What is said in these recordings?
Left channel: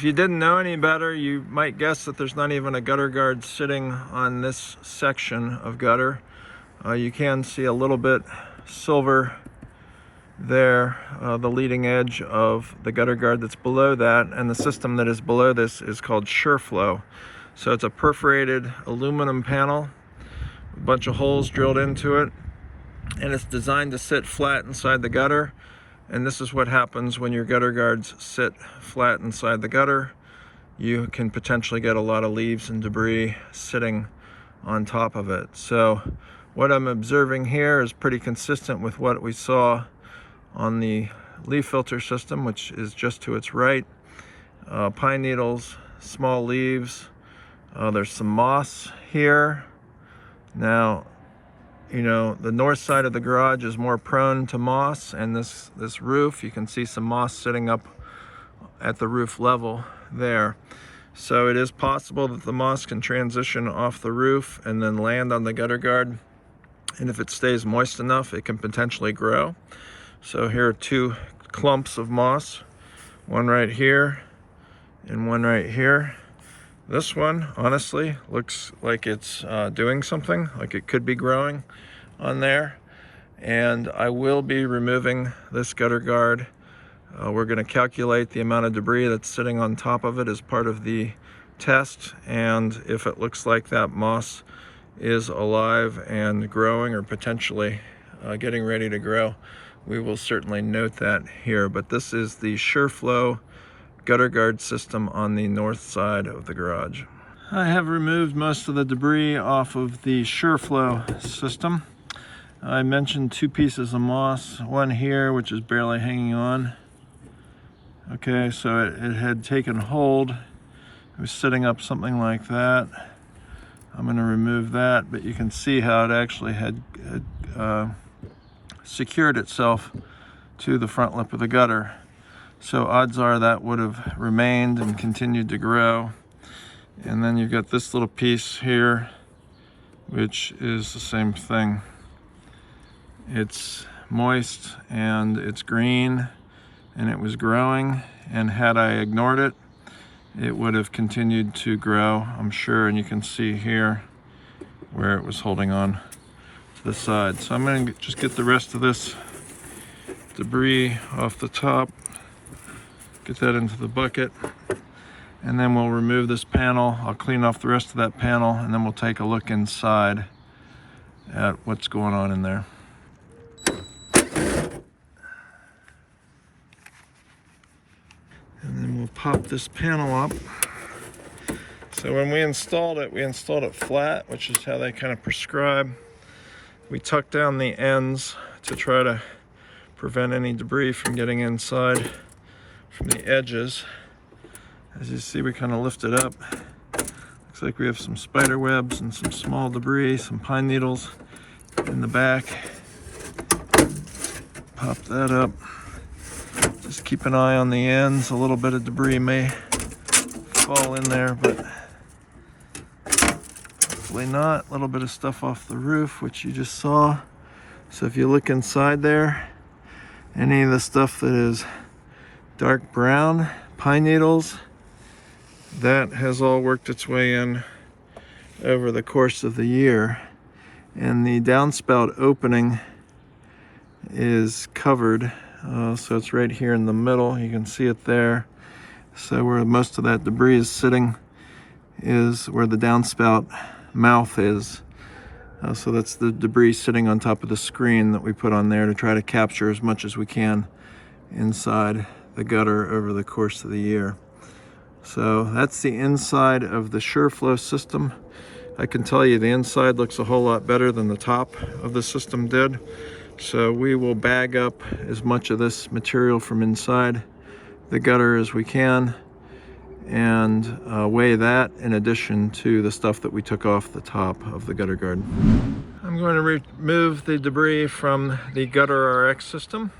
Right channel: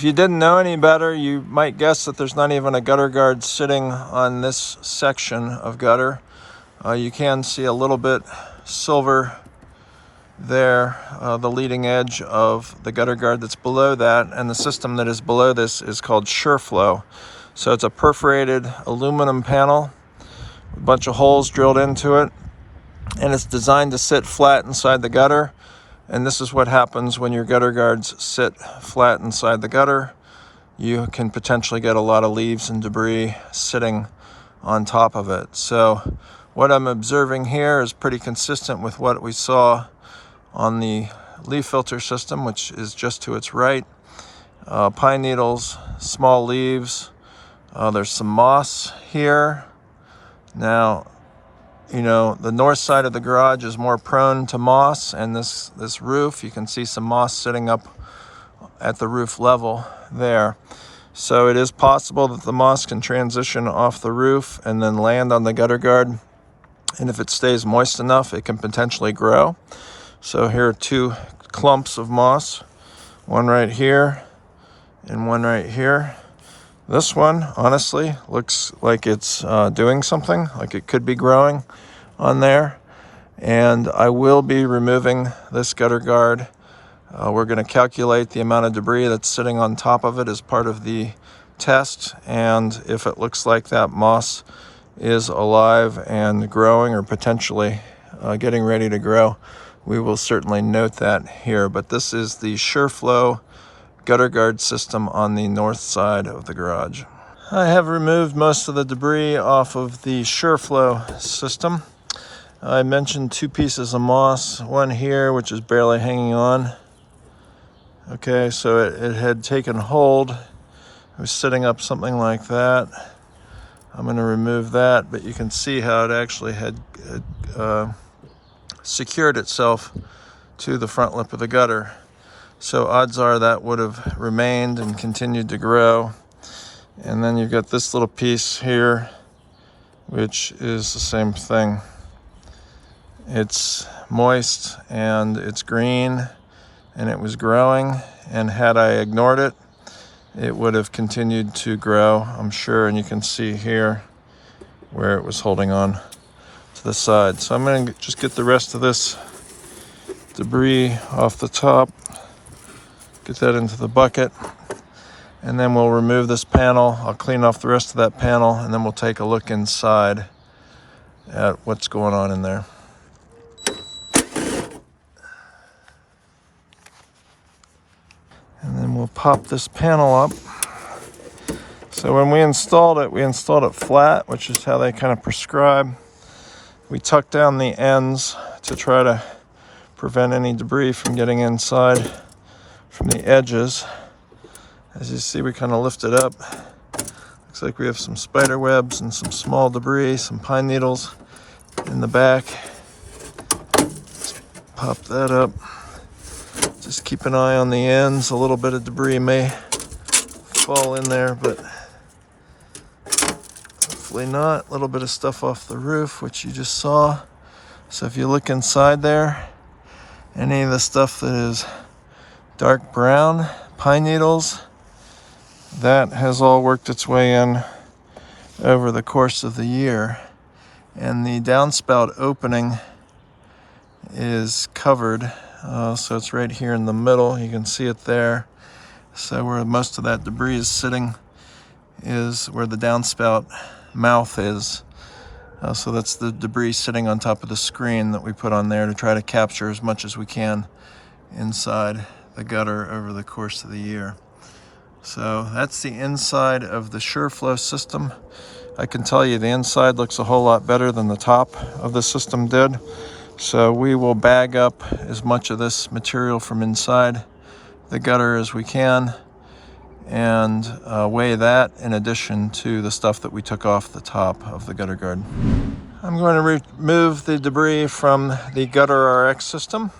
If you didn't know any better, you might guess that there's not even a gutter guard sitting on this section of gutter. You can see a little bit silver there, the leading edge of the gutter guard that's below that, and the system that is below this is called Shur-flo. So it's a perforated aluminum panel, a bunch of holes drilled into it, and it's designed to sit flat inside the gutter. And this is what happens when your gutter guards sit flat inside the gutter. You can potentially get a lot of leaves and debris sitting on top of it. So what I'm observing here is pretty consistent with what we saw on the leaf filter system, which is just to its right. Pine needles, small leaves. There's some moss here. Now, you know, the north side of the garage is more prone to moss, and this roof, you can see some moss sitting up at the roof level there. So it is possible that the moss can transition off the roof and then land on the gutter guard. And if it stays moist enough, it can potentially grow. So here are two clumps of moss, one right here and one right here. This one, honestly, looks like it's doing something, like it could be growing on there. And I will be removing this gutter guard. We're going to calculate the amount of debris that's sitting on top of it as part of the test. And if it looks like that moss is alive and growing, or potentially getting ready to grow, we will certainly note that here. But this is the Shur-flo gutter guard system on the north side of the garage. I have removed most of the debris off of the Shur-flo system. I mentioned two pieces of moss, one here which is barely hanging on. Okay, so it had taken hold. It was sitting up something like that. I'm going to remove that, but you can see how it actually had secured itself to the front lip of the gutter. So odds are that would have remained and continued to grow. And then you've got this little piece here, which is the same thing. It's moist and it's green and it was growing, and had I ignored it, it would have continued to grow, I'm sure. And you can see here where it was holding on to the side. So I'm going to just get the rest of this debris off the top, get that into the bucket, and then we'll remove this panel. I'll clean off the rest of that panel, and then we'll take a look inside at what's going on in there. And then we'll pop this panel up. So when we installed it flat, which is how they kind of prescribe. We tucked down the ends to try to prevent any debris from getting inside from the edges. As you see, we kind of lift it up. Looks like we have some spider webs and some small debris, some pine needles in the back. Just pop that up. Just keep an eye on the ends. A little bit of debris may fall in there, but hopefully not. A little bit of stuff off the roof, which you just saw. So if you look inside there, any of the stuff that is dark brown, pine needles, that has all worked its way in over the course of the year. And the downspout opening is covered. So it's right here in the middle. You can see it there. So where most of that debris is sitting is where the downspout mouth is. So that's the debris sitting on top of the screen that we put on there to try to capture as much as we can inside the gutter over the course of the year. So that's the inside of the Shur-flo system. I can tell you the inside looks a whole lot better than the top of the system did. So we will bag up as much of this material from inside the gutter as we can, and weigh that in addition to the stuff that we took off the top of the gutter guard. I'm going to remove the debris from the Gutter RX system.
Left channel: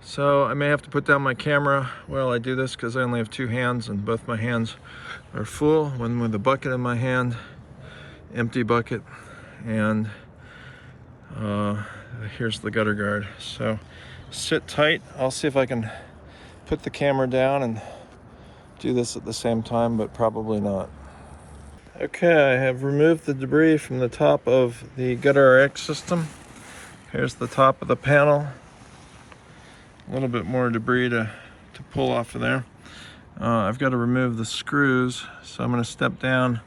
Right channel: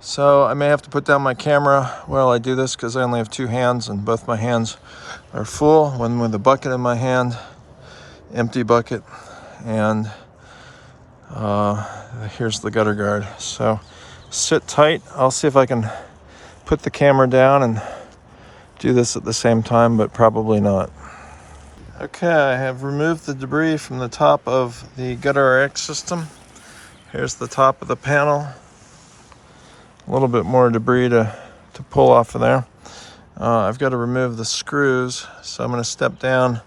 So I may have to put down my camera while I do this, because I only have two hands and both my hands are full. One with a bucket in my hand, empty bucket, and here's the gutter guard. So sit tight. I'll see if I can put the camera down and do this at the same time, but probably not. Okay, I have removed the debris from the top of the gutter RX system. Here's the top of the panel. A little bit more debris to pull off of there. I've got to remove the screws, so I'm going to step down,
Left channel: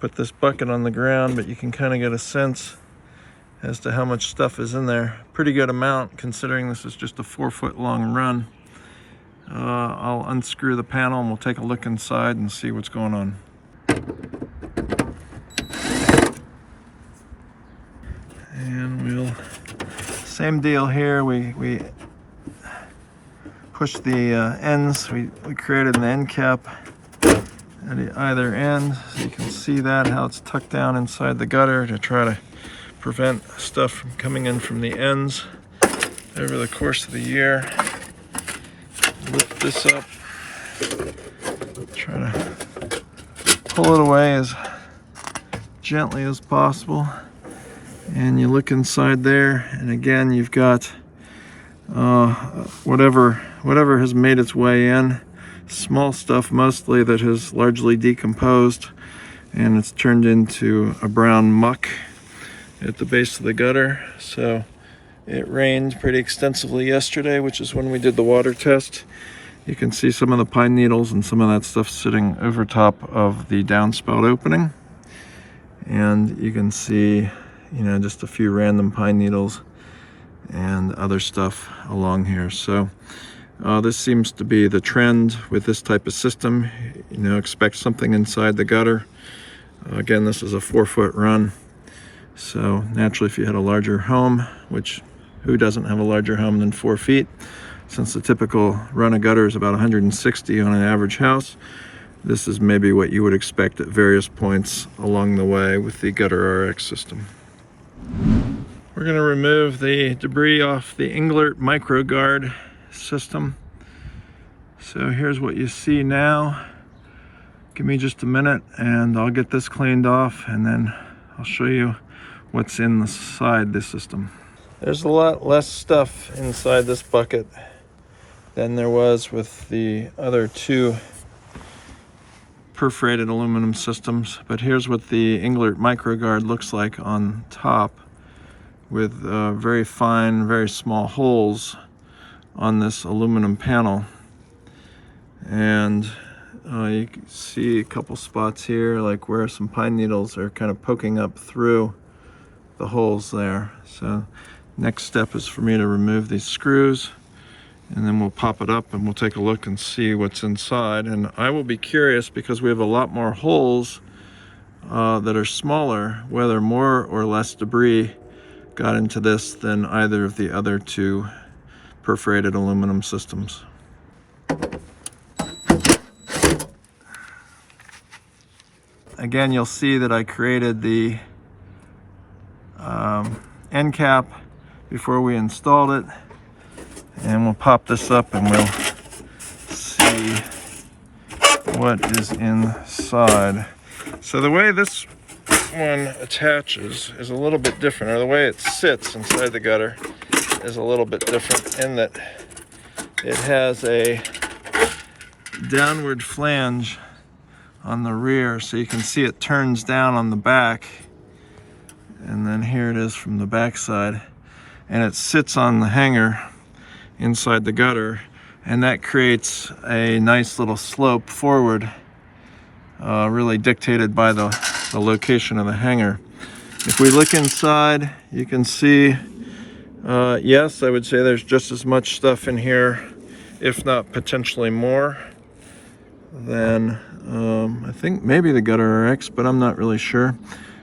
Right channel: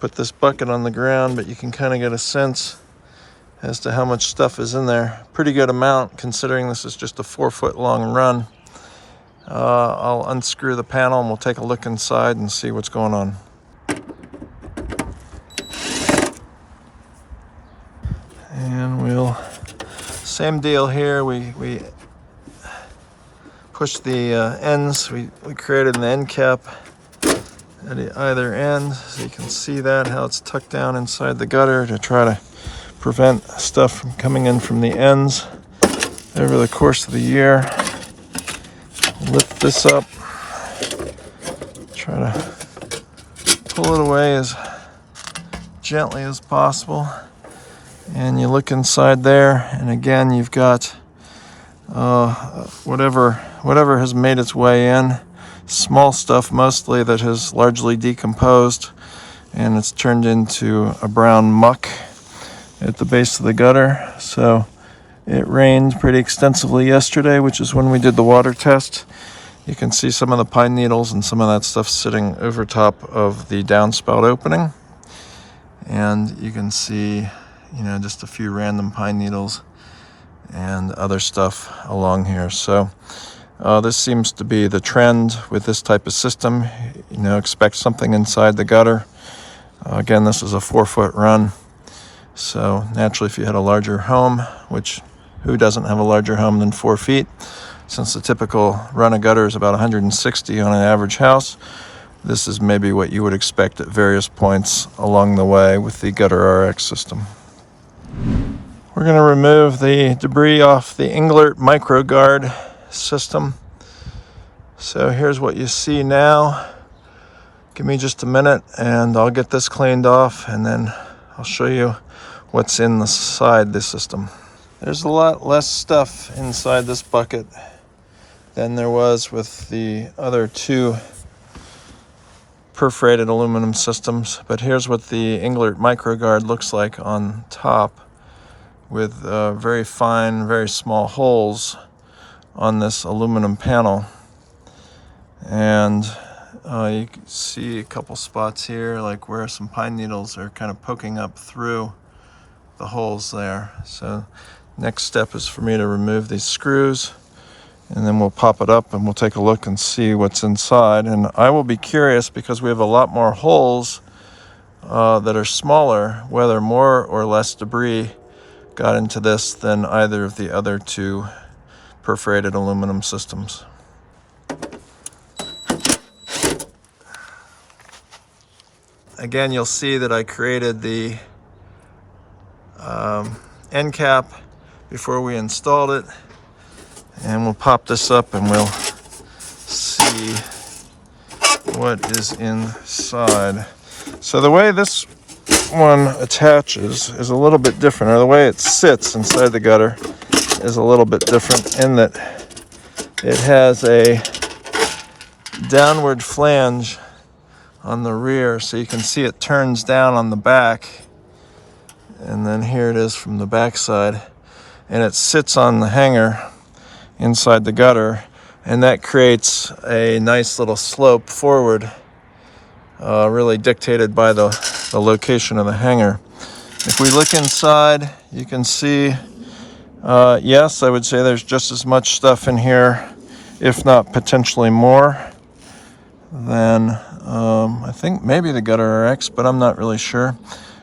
put this bucket on the ground, but you can kind of get a sense as to how much stuff is in there. Pretty good amount, considering this is just a 4-foot long run. I'll unscrew the panel and we'll take a look inside and see what's going on. And same deal here. We push the ends. We created an end cap at either end, so you can see that, how it's tucked down inside the gutter to try to prevent stuff from coming in from the ends over the course of the year. Lift this up, try to pull it away as gently as possible, and you look inside there, and again you've got whatever has made its way in. Small stuff mostly that has largely decomposed, and it's turned into a brown muck at the base of the gutter. So it rained pretty extensively yesterday, which is when we did the water test. You can see some of the pine needles and some of that stuff sitting over top of the downspout opening. And you can see, just a few random pine needles and other stuff along here. So this seems to be the trend with this type of system. Expect something inside the gutter. Again, this is a 4-foot run. So naturally, if you had a larger home, which who doesn't have a larger home than 4 feet? Since the typical run of gutter is about 160 on an average house, this is maybe what you would expect at various points along the way with the gutter RX system. We're going to remove the debris off the Englert MicroGuard system. So here's what you see now. Give me just a minute and I'll get this cleaned off, and then I'll show you what's inside this system. There's a lot less stuff inside this bucket than there was with the other 2 perforated aluminum systems, but here's what the Englert MicroGuard looks like on top, with very fine, very small holes on this aluminum panel. And you can see a couple spots here, like where some pine needles are kind of poking up through the holes there. So next step is for me to remove these screws, and then we'll pop it up and we'll take a look and see what's inside. And I will be curious, because we have a lot more holes that are smaller, whether more or less debris got into this than either of the other 2 perforated aluminum systems. Again, you'll see that I created the end cap before we installed it, and we'll pop this up and we'll see what is inside. So the way this one attaches is a little bit different, or the way it sits inside the gutter is a little bit different, in that it has a downward flange on the rear, so you can see it turns down on the back, and then here it is from the back side, and it sits on the hanger inside the gutter, and that creates a nice little slope forward, really dictated by the location of the hanger. If we look inside, you can see, yes, I would say there's just as much stuff in here, if not potentially more, than I think maybe the gutter RX, but I'm not really sure.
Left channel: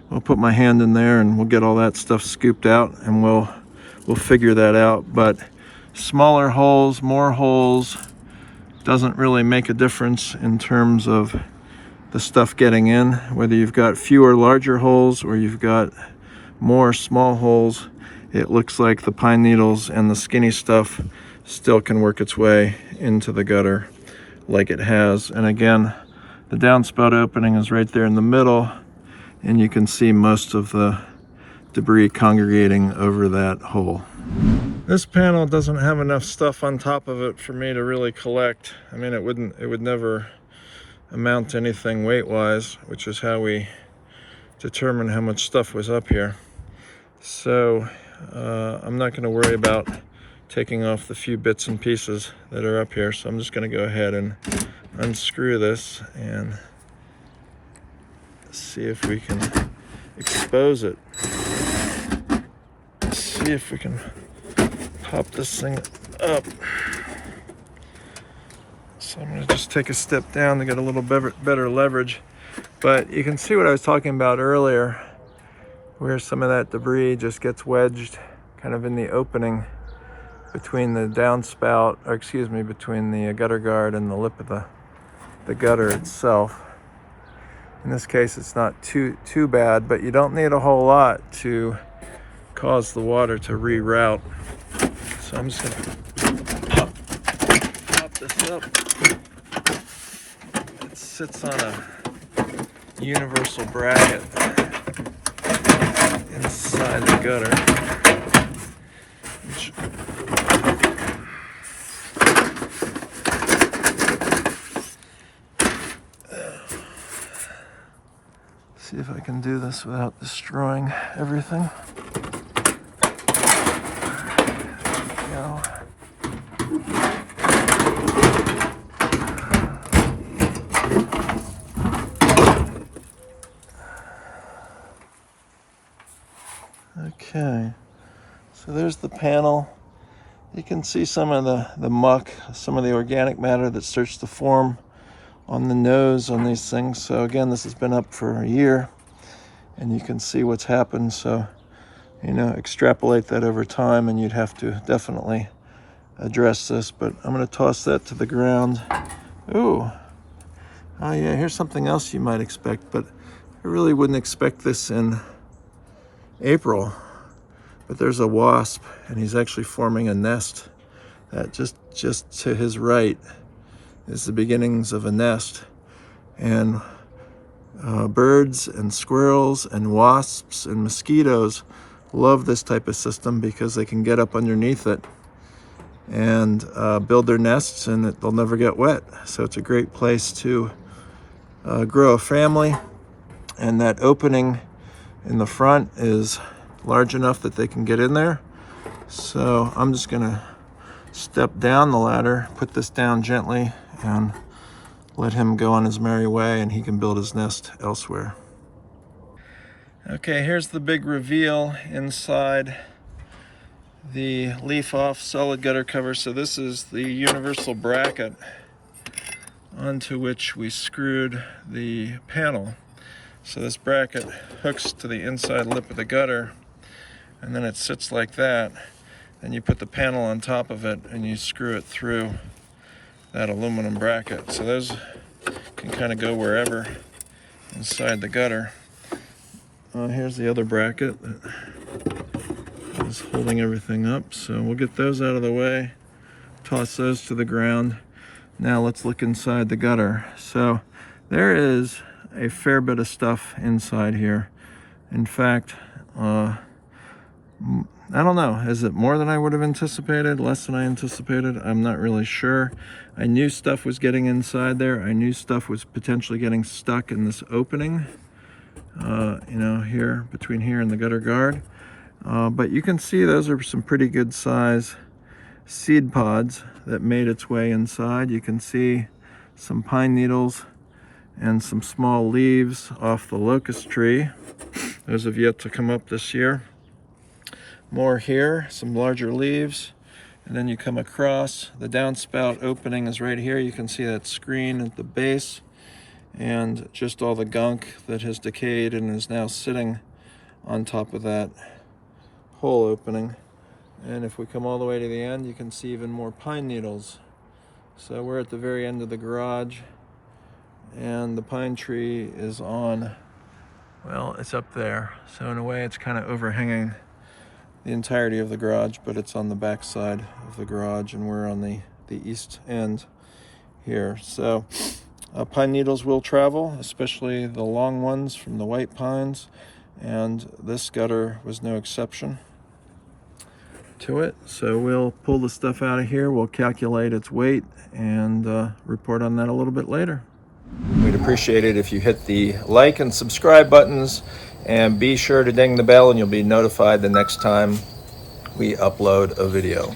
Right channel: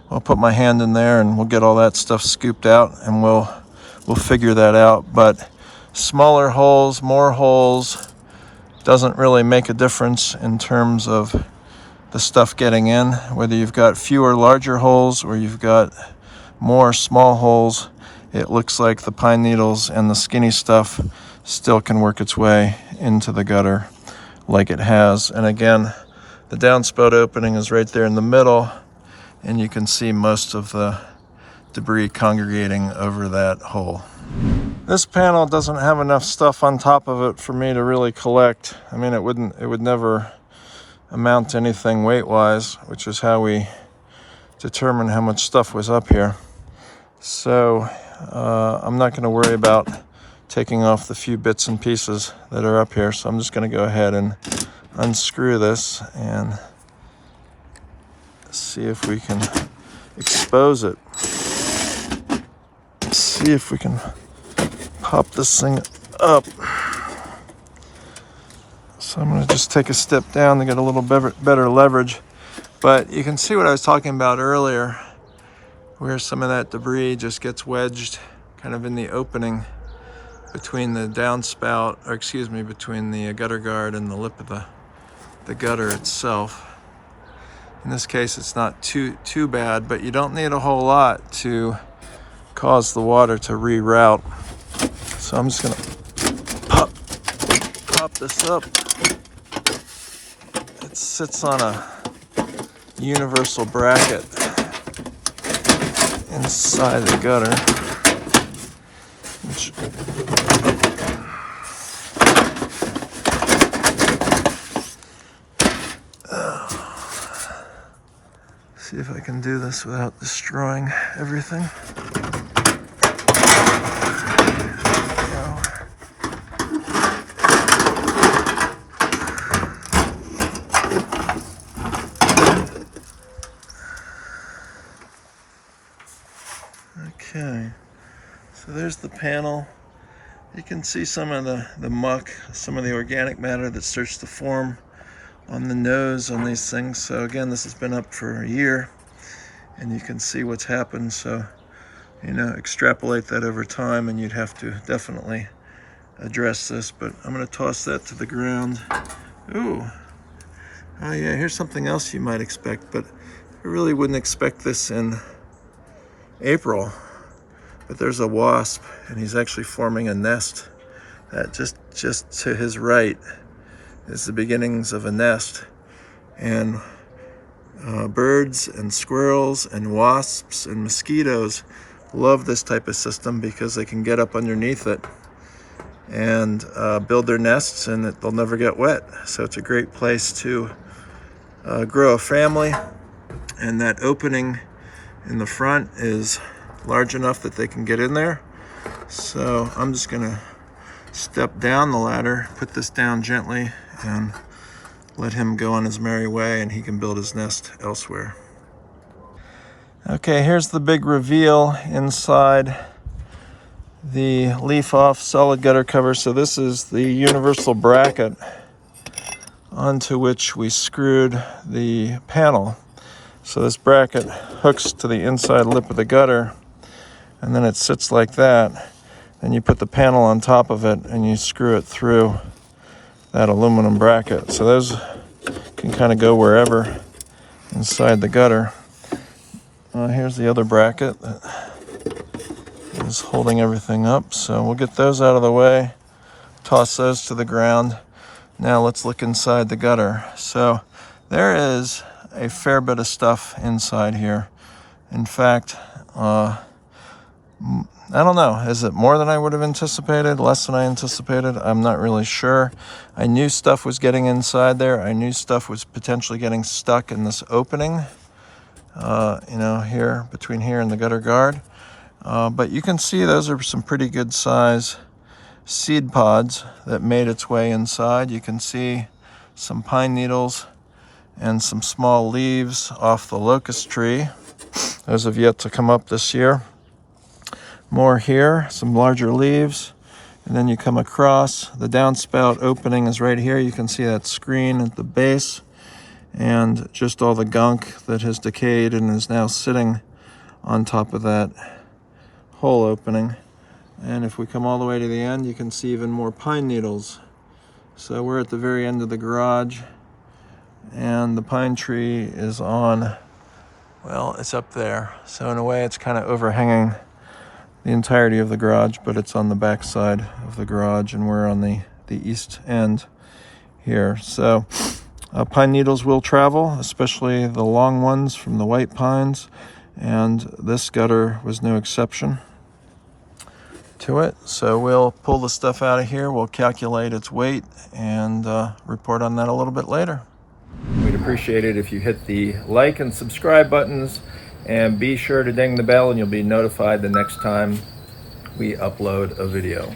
I'll put my hand in there and we'll get all that stuff scooped out, and we'll figure that out. But smaller holes, more holes, doesn't really make a difference in terms of the stuff getting in. Whether you've got fewer larger holes or you've got more small holes, it looks like the pine needles and the skinny stuff still can work its way into the gutter like it has. And again, the downspout opening is right there in the middle, and you can see most of the debris congregating over that hole. This panel doesn't have enough stuff on top of it for me to really collect. I mean, it would never amount to anything weight-wise, which is how we determine how much stuff was up here. So I'm not going to worry about taking off the few bits and pieces that are up here. So I'm just going to go ahead and unscrew this and see if we can expose it. See if we can pop this thing up. So I'm going to just take a step down to get a little better leverage. But you can see what I was talking about earlier, where some of that debris just gets wedged kind of in the opening between the downspout, or excuse me, between the gutter guard and the lip of the gutter itself. In this case, it's not too bad, but you don't need a whole lot to cause the water to reroute. So I'm just gonna pop this up. It sits on a universal bracket inside the gutter. See if I can do this without destroying everything. There we go. Okay, so there's the panel. You can see some of the muck, some of the organic matter that starts to form on the nose on these things. So again, this has been up for a year and you can see what's happened. So, you know, extrapolate that over time and you'd have to definitely address this, but I'm going to toss that to the ground. Ooh, oh yeah, here's something else you might expect, but I really wouldn't expect this in April. But there's a wasp and he's actually forming a nest that just to his right is the beginnings of a nest. And birds and squirrels and wasps and mosquitoes love this type of system because they can get up underneath it and build their nests, and they'll never get wet. So it's a great place to grow a family. And that opening in the front is large enough that they can get in there. So I'm just gonna step down the ladder, put this down gently, and let him go on his merry way, and he can build his nest elsewhere. Okay, here's the big reveal inside the LeafOff solid gutter cover. So this is the universal bracket onto which we screwed the panel. So this bracket hooks to the inside lip of the gutter, and then it sits like that. And you put the panel on top of it and you screw it through that aluminum bracket. So those can kind of go wherever inside the gutter. Here's the other bracket that is holding everything up. So we'll get those out of the way, toss those to the ground. Now let's look inside the gutter. So there is a fair bit of stuff inside here. In fact, I don't know, is it more than I would have anticipated, less than I anticipated? I'm not really sure. I knew stuff was getting inside there. I knew stuff was potentially getting stuck in this opening, you know, here, between here and the gutter guard. But you can see those are some pretty good size seed pods that made its way inside. You can see some pine needles and some small leaves off the locust tree. Those have yet to come up this year. More here, some larger leaves, and then you come across the downspout opening is right here. You can see that screen at the base and just all the gunk that has decayed and is now sitting on top of that hole opening. And if we come all the way to the end, you can see even more pine needles. So we're at the very end of the garage, and the pine tree is on, well, it's up there. So in a way, it's kind of overhanging the entirety of the garage, but it's on the back side of the garage, and we're on the east end here. So pine needles will travel, especially the long ones from the white pines, and this gutter was no exception to it. So we'll pull the stuff out of here, we'll calculate its weight, and report on that a little bit later. We'd appreciate it if you hit the like and subscribe buttons, and be sure to ding the bell and you'll be notified the next time we upload a video.